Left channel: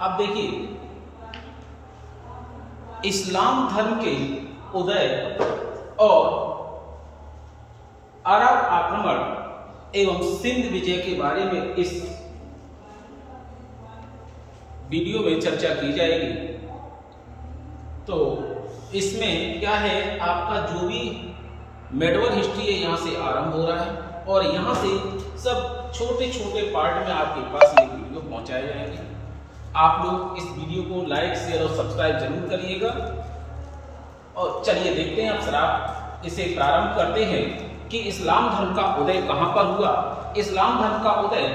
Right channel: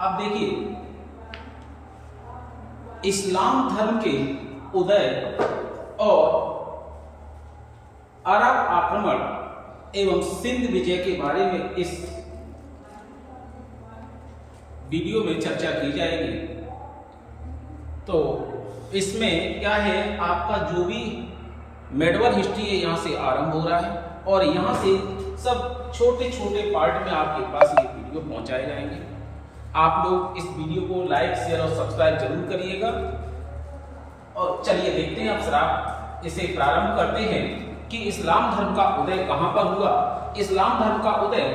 अब देखिए, इस्लाम धर्म के उदय और अरब आक्रमण एवं सिंध विजय के बारे में इस वीडियो में चर्चा की जाएगी। तो इसमें क्या है, आपका जो भी मेडवल हिस्ट्री है यहाँ से आरंभ हो रहा है और यहाँ से सब छोटे छोटे पार्ट में आपके पास ये वीडियो पहुंचाए जाएंगे। आप लोग इस वीडियो को लाइक, शेयर और सब्सक्राइब जरूर करिएगा। और चलिए देखते हैं, अब इसे प्रारंभ करते हैं कि इस्लाम धर्म का उदय कहां पर हुआ। इस्लाम धर्म का उदय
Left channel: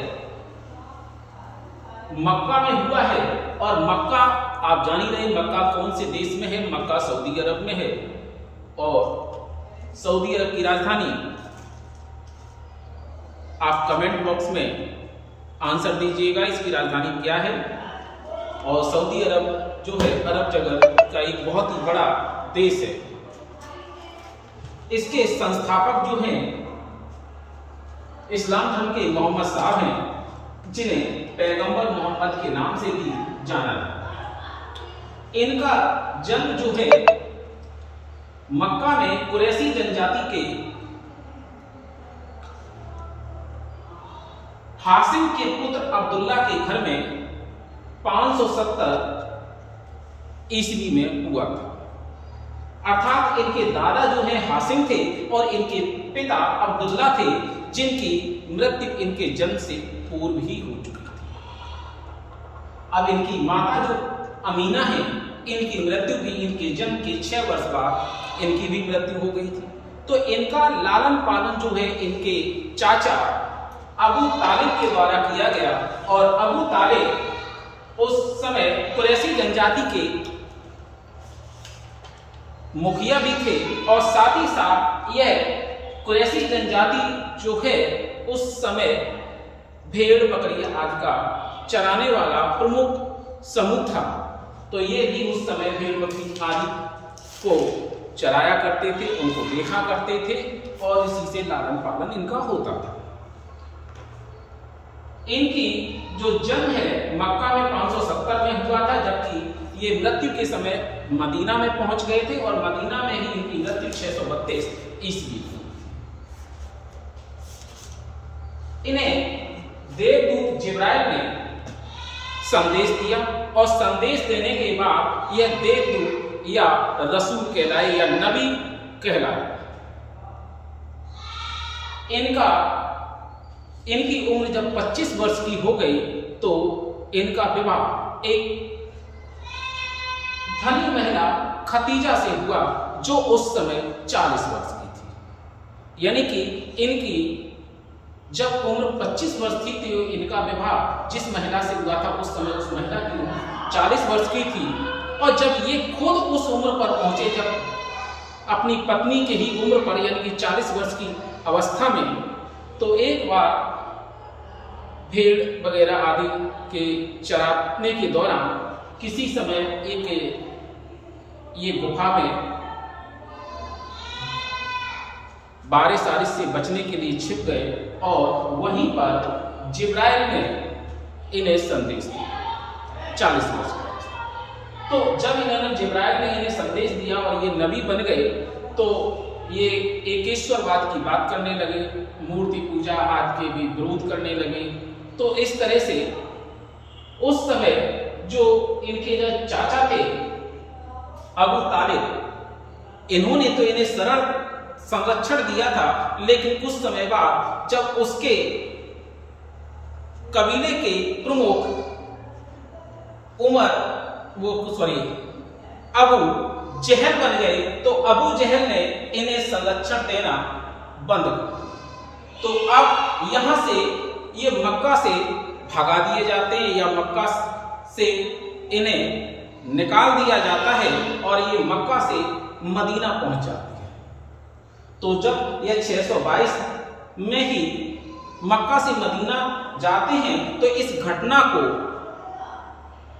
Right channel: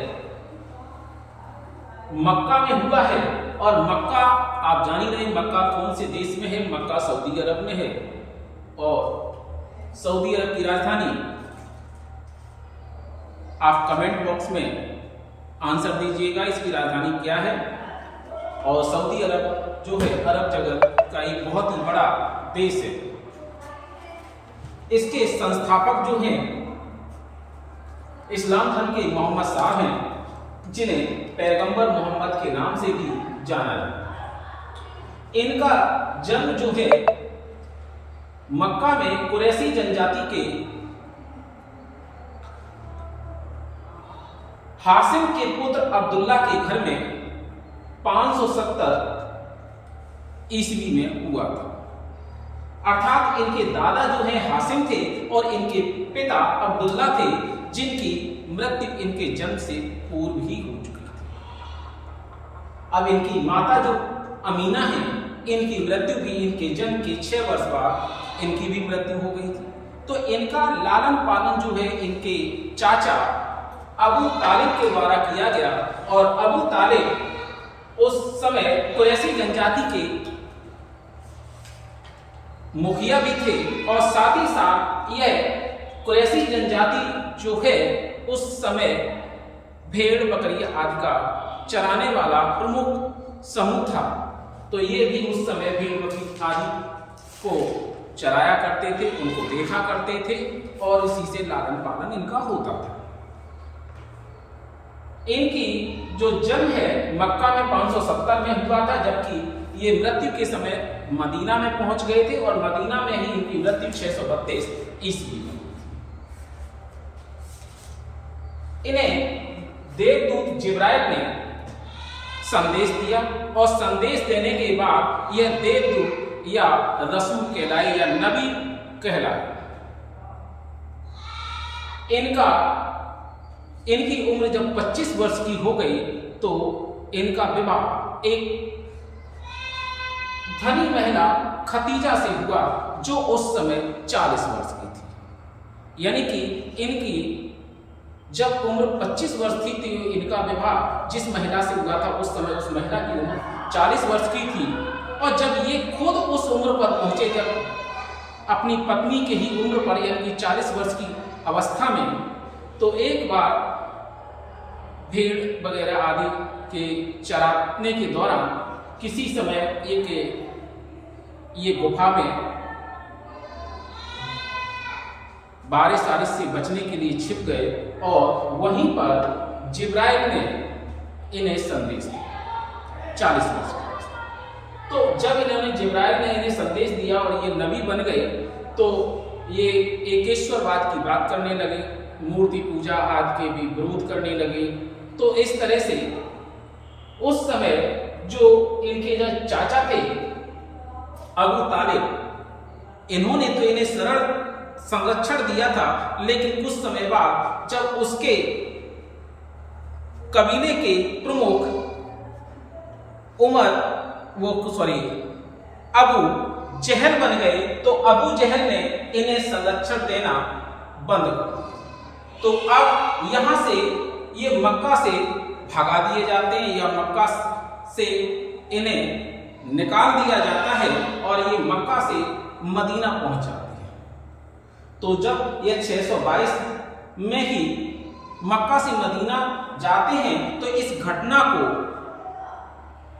मक्का में हुआ है और मक्का आप जान ही रहे हैं, मक्का कौन से देश में है? मक्का सऊदी अरब में है। और सऊदी अरब की राजधानी, आप कमेंट बॉक्स में आंसर दीजिएगा इसकी राजधानी क्या है। और सऊदी अरब जो है अरब जगत का एक बहुत ही बड़ा देश है। इसके संस्थापक जो हैं इस्लाम धर्म के मोहम्मद साहब हैं, जिन्हें पैगंबर मोहम्मद के नाम से भी जाना जाता है। इनका जन्म जो है मक्का में कुरैशी जनजाति के हासिम के पुत्र अब्दुल्ला के घर में 570 ईस्वी में हुआ था। अर्थात इनके दादा जो हैं हासिम थे और इनके पिता अब्दुल्ला थे, जिनकी मृत्यु इनके जन्म से पूर्व ही हो चुकी थी। अब इनकी माता जो अमीना है, इनकी मृत्यु भी इनके जन्म के 6 वर्ष बाद इनकी भी मृत्यु हो गई थी। तो इनका लालन पालन जो है इनके चाचा अबू तालिब के द्वारा किया गया। और अबू तालिब उस समय कुरैशी जनजाति के मुखिया भी थे और साथ ही साथ यह कुरैशी जनजाति जो है उस समय भेड़ बकरी आदि का चराने वाला प्रमुख समूह था। तो ये भी उस समय भेड़ बकरी आदि को चराया करते थे, उनको देखा करते थे और इसी से लालन पालन इनका होता था। इनकी जो जन्म है मक्का में 570 में हुआ था, जबकि ये मृत्यु के समय मदीना में पहुंच गए थे और मदीना में ही इनकी मृत्यु 632 ईस्वी में। इन्हें देवदूत जिब्राइल ने संदेश दिया और संदेश देने के बाद यह देवदूत या रसूल कहलाए या नबी कहलाए। इनकी उम्र जब 25 वर्ष की हो गई तो इनका विवाह एक धनी महिला खतीजा से हुआ, जो उस समय 40 वर्ष की थी। यानी कि इनकी जब उम्र 25 वर्ष थी तो इनका विवाह जिस महिला से हुआ था उस समय उस महिला की उम्र 40 वर्ष की थी। और जब ये खुद उस उम्र पर पहुंचे, जब अपनी पत्नी के ही उम्र पर यानी कि 40 वर्ष की अवस्था में, तो एक बार भेड़ वगैरह आदि के चराने के दौरान किसी समय एक ये गुफा में बारिश से बचने के लिए छिप गए और वहीं पर जिब्राइल ने इन्हें संदेश दिया 40 वर्ष का। तो जब इन्होंने जिब्राइल ने इन्हें संदेश दिया और ये नबी बन गए, तो ये एकेश्वरवाद की बात करने लगे, मूर्ति पूजा आदि के भी विरोध करने लगे। तो इस तरह से उस समय जो इनके जो चाचा थे अबू तालिब, इन्होंने तो इन्हें शरण संरक्षण दिया था, लेकिन कुछ समय बाद जब उसके कबीले के प्रमुख अबू जहल बन गए, तो अबू जहल ने इन्हें संरक्षण देना बंद कर दिया। तो अब यहां से ये मक्का से भगा दिए जाते हैं या मक्का से इन्हें निकाल दिया जाता है और ये मक्का से मदीना पहुंच जाते हैं। तो जब यह 622 में ही मक्का से मदीना जाते हैं तो इस घटना को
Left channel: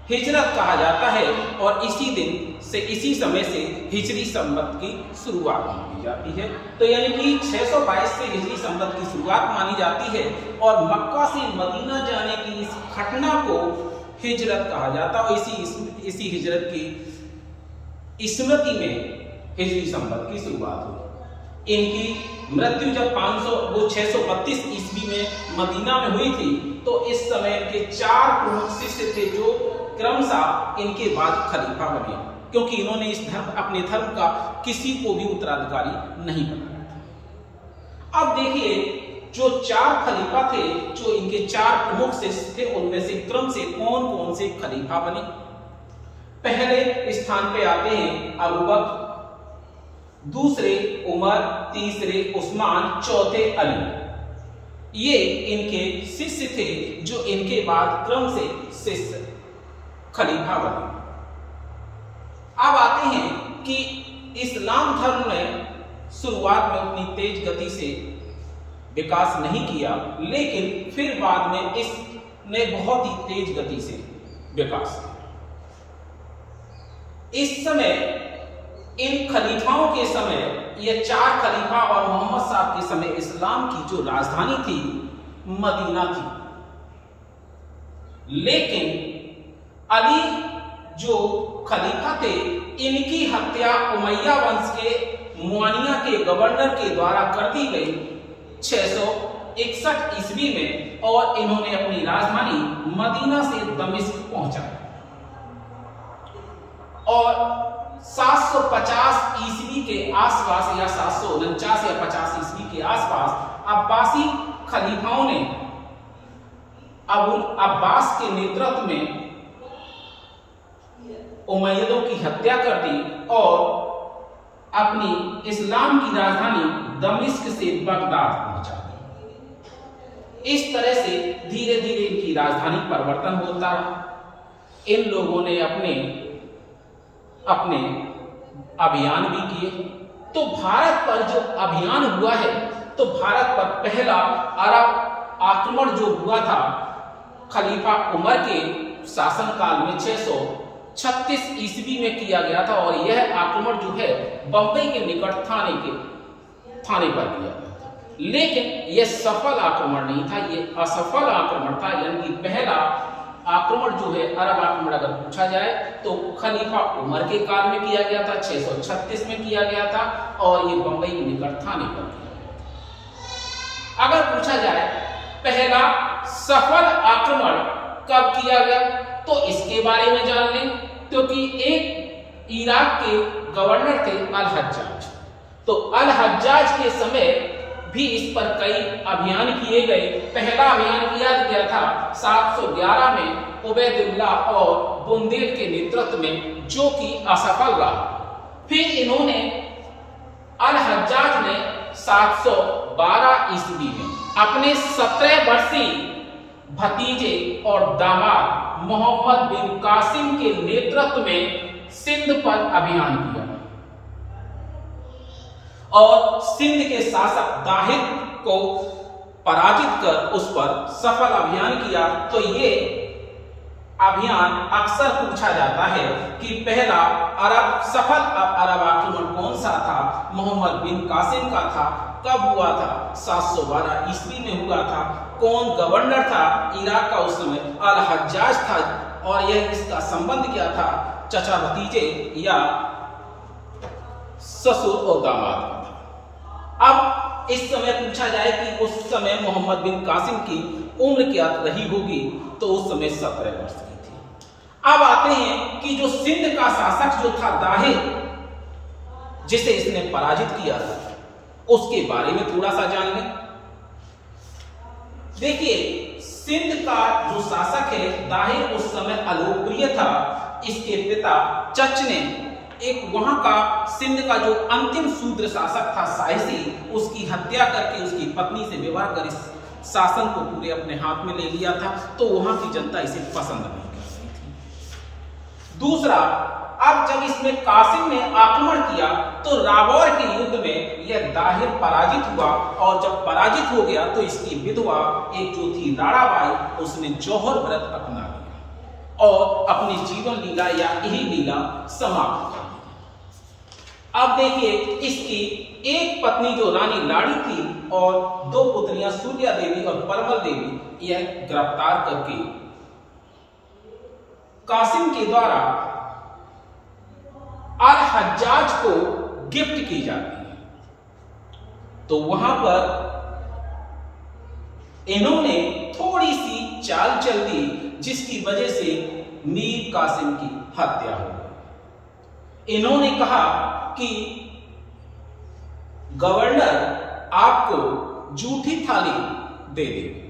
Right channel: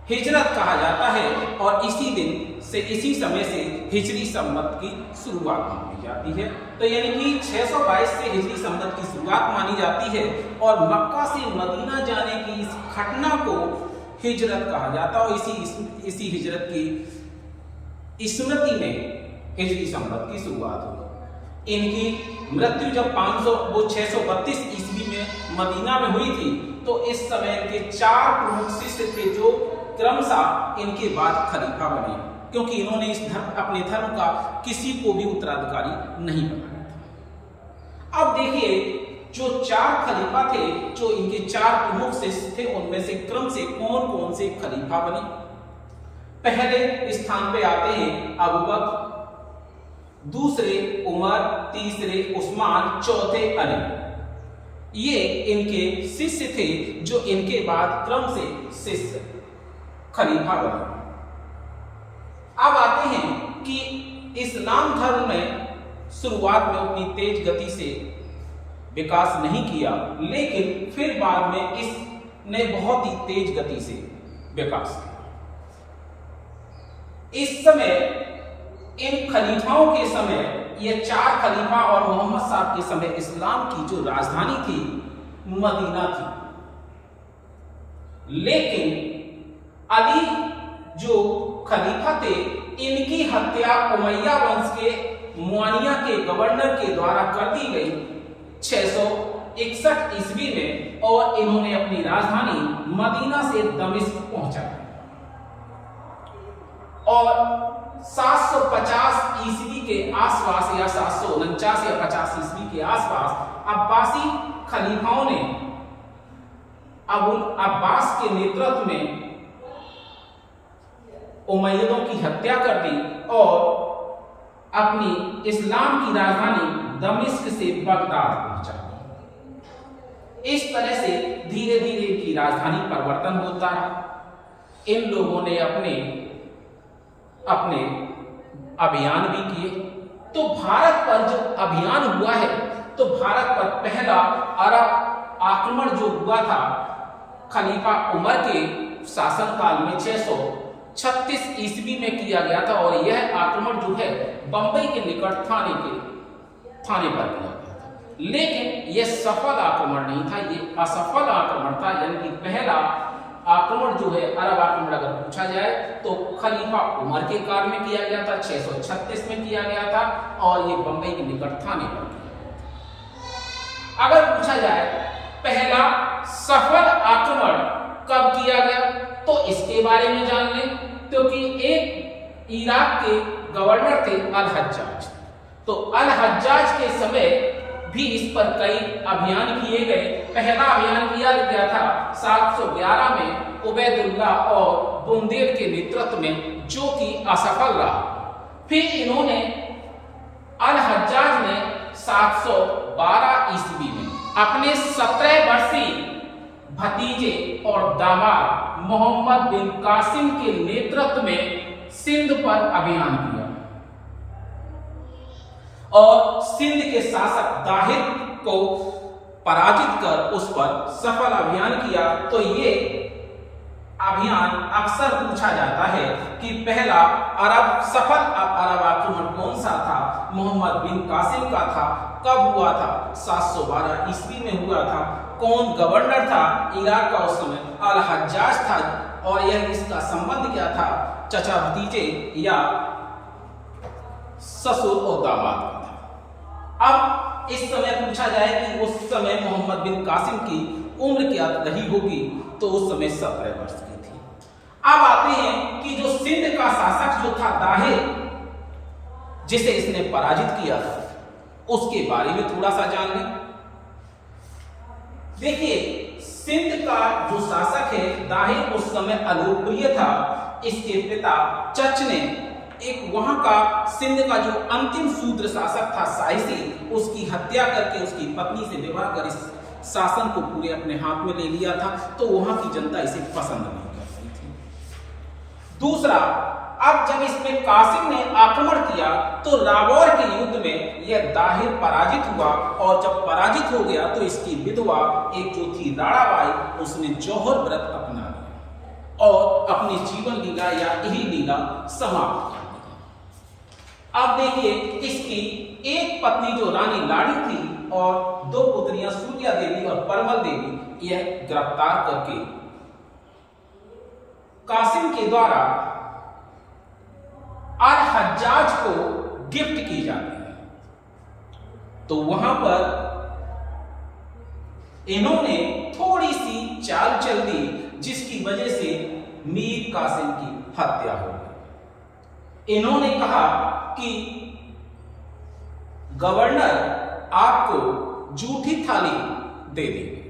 हिजरत कहा जाता है और इसी दिन से इसी समय से हिजरी संवत की शुरुआत मानी जाती है। तो यानी कि 622 से हिजरी संवत की शुरुआत मानी जाती है और मक्का से मदीना जाने की इस घटना को हिजरत कहा जाता है। और इसी हिजरत की स्मृति में हिजरी संवत की शुरुआत हुई। इनकी मृत्यु जब 632 ईस्वी में मदीना में हुई थी, तो इस समय के 4 प्रमुख शिष्य थे जो क्रमशः इनके बाद खलीफा बने, क्योंकि इन्होंने अपने धर्म का किसी को भी उत्तराधिकारी नहीं बनाया था। अब देखिए, जो 4 खलीफा थे, जो इनके 4 प्रमुख शिष्य थे, उनमें से क्रम से कौन कौन से खलीफा बने। पहले स्थान पे आते हैं अबू बकर, दूसरे उमर, तीसरे उस्मान, चौथे अली। ये इनके शिष्य थे जो इनके बाद क्रम से शिष्य खलीफा बने। अब आते हैं कि इस्लाम धर्म में शुरुआत में उतनी तेज गति से विकास नहीं किया, लेकिन फिर बाद में इसने बहुत ही तेज गति से विकास किया। इस समय इन खलीफाओं के समय, ये 4 खलीफा और मोहम्मद साहब के समय इस्लाम की जो राजधानी थी मदीना थी। लेकिन अली जो खलीफा थे, इनकी हत्या उमैया वंश के मुआनिया के गवर्नर के द्वारा कर दी गई 661 ईस्वी में, और इन्होंने अपनी राजधानी मदीना से दमिश्क पहुंचाई। और 750 ईस्वी के आसपास या 749 या 50 ईस्वी के आसपास अब्बासी खलीफाओं ने अबुल अब्बास के नेतृत्व में उमैयदों की हत्या कर दी और अपनी इस्लाम की राजधानी दमिश्क से बगदाद पहुंचा दी। इस तरह से धीरे धीरे इनकी राजधानी परिवर्तन होता रहा। इन लोगों ने अपने अभियान भी किए। तो भारत पर जो अभियान हुआ है, तो भारत पर पहला अरब आक्रमण जो हुआ था खलीफा उमर के शासनकाल में 636 ईस्वी में किया गया था। और यह आक्रमण जो है बंबई के निकट थाने पर किया गया था। लेकिन यह सफल आक्रमण नहीं था, यह असफल आक्रमण था। यानी कि पहला आक्रमण जो है अरब आक्रमण अगर पूछा जाए तो खलीफा उमर के काल में किया गया था, 636 में किया गया था, और ये बंबई के निकट थाने पर किया गया। अगर पूछा जाए पहला सफल आक्रमण कब किया गया, तो इसके बारे में जान लें। क्योंकि एक इराक के गवर्नर थे अल हज्जाज, तो अल हज्जाज के समय भी इस पर कई अभियान किए गए। पहला अभियान किया गया था 711 में उबैदुल्लाह और बुंदेल के नेतृत्व में, जो कि असफल रहा। फिर इन्होंने अल हज्जाज ने 712 ईस्वी में अपने 17 वर्षीय भतीजे और दामाद मोहम्मद बिन कासिम के नेतृत्व में सिंध पर अभियान किया और सिंध के शासक दाहिर को पराजित कर उस पर सफल अभियान किया। तो ये अभियान अक्सर पूछा जाता है कि पहला सफल अरब आक्रमण कौन सा था, मोहम्मद बिन कासिम का था, कब हुआ था, 712 ईस्वी में हुआ था, कौन गवर्नर था इराक का उस समय, अल हज्जाज था, और यह इसका संबंध क्या था, चचा भतीजे या ससुर और दामाद का था। अब इस समय पूछा जाए कि उस समय मोहम्मद बिन कासिम की उम्र क्या रही होगी, तो उस समय 17 वर्ष की थी। अब आते हैं कि जो सिंध का शासक जो था दाहिर, जिसे इसने पराजित किया था, उसके बारे में थोड़ा सा जान लें। देखिए, सिंध का जो शासक है दाहिर उस समय अलोकप्रिय था। इसके पिता चच ने एक वहां का सिंध का जो अंतिम शूद्र शासक था साइसी, उसकी हत्या करके उसकी पत्नी से विवाह कर इस शासन को पूरे अपने हाथ में ले लिया था। तो वहां की जनता इसे पसंद नहीं करती थी। दूसरा, अब जब इसमें कासिम ने आक्रमण किया तो रावौर के युद्ध में यह दाहिर पराजित हुआ, और जब पराजित हो गया तो इसकी विधवा एक जो थी राणाबाई, उसने जौहर व्रत अपना लिया और अपनी जीवन लीला या यही लीला समाप्त कर दी। अब देखिए, इसकी एक पत्नी जो रानी लाड़ी थी और 2 पुत्रियां सूर्या देवी और परमल देवी, यह गिरफ्तार करके कासिम के द्वारा अल हज्जाज को गिफ्ट की जाती है। तो वहां पर इन्होंने थोड़ी सी चाल चल दी, जिसकी वजह से मीर कासिम की हत्या हो गई। इन्होंने कहा कि गवर्नर आपको झूठी थाली दे देंगे।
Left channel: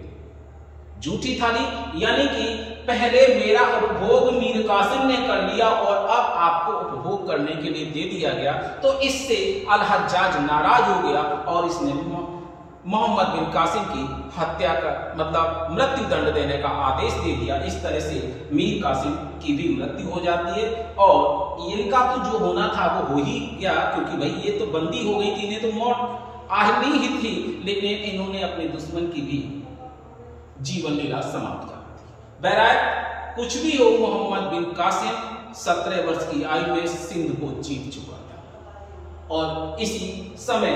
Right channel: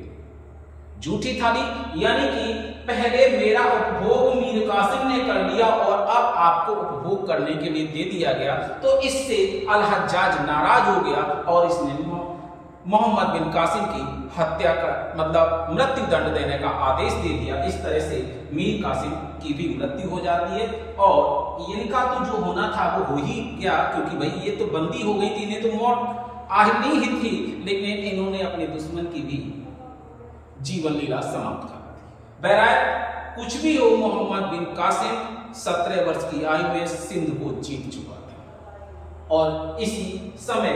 झूठी थाली यानी कि पहले मेरा उपभोग मीर कासिम ने कर लिया और अब आपको उपभोग करने के लिए दे दिया गया। तो इससे अल हज्जाज नाराज हो गया और इसने मोहम्मद बिन कासिम की हत्या का मतलब मृत्यु दंड देने का आदेश दे दिया। इस तरह से मीर कासिम की भी मृत्यु हो जाती है और इनका तो जो होना था वो हो ही गया, क्योंकि भाई ये तो बंदी हो गई थी, इन्हें तो मौत आनी ही थी। लेकिन इन्होंने अपने दुश्मन की भी जीवन लीला समाप्त कर दी। बहरहाल कुछ भी हो, मोहम्मद बिन कासिम 17 वर्ष की आयु में सिंध को जीत चुका था और इसी समय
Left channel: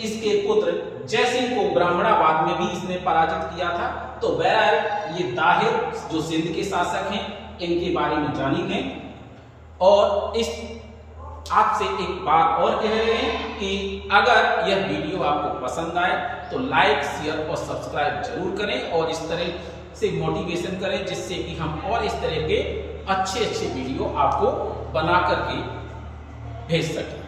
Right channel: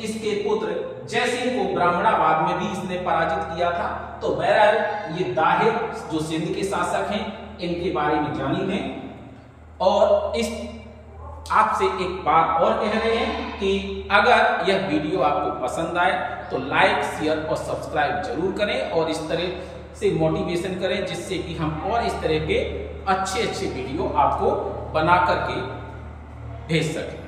इसके पुत्र जयसिंह को ब्राह्मणाबाद में भी इसने पराजित किया था। तो बहरहाल ये दाहिर जो सिंध के शासक हैं, इनके बारे में जानी लें। और इस आपसे एक बात और कह रहे हैं कि अगर यह वीडियो आपको पसंद आए तो लाइक, शेयर और सब्सक्राइब जरूर करें और इस तरह से मोटिवेशन करें, जिससे कि हम और इस तरह के अच्छे वीडियो आपको बना करके भेज सकें।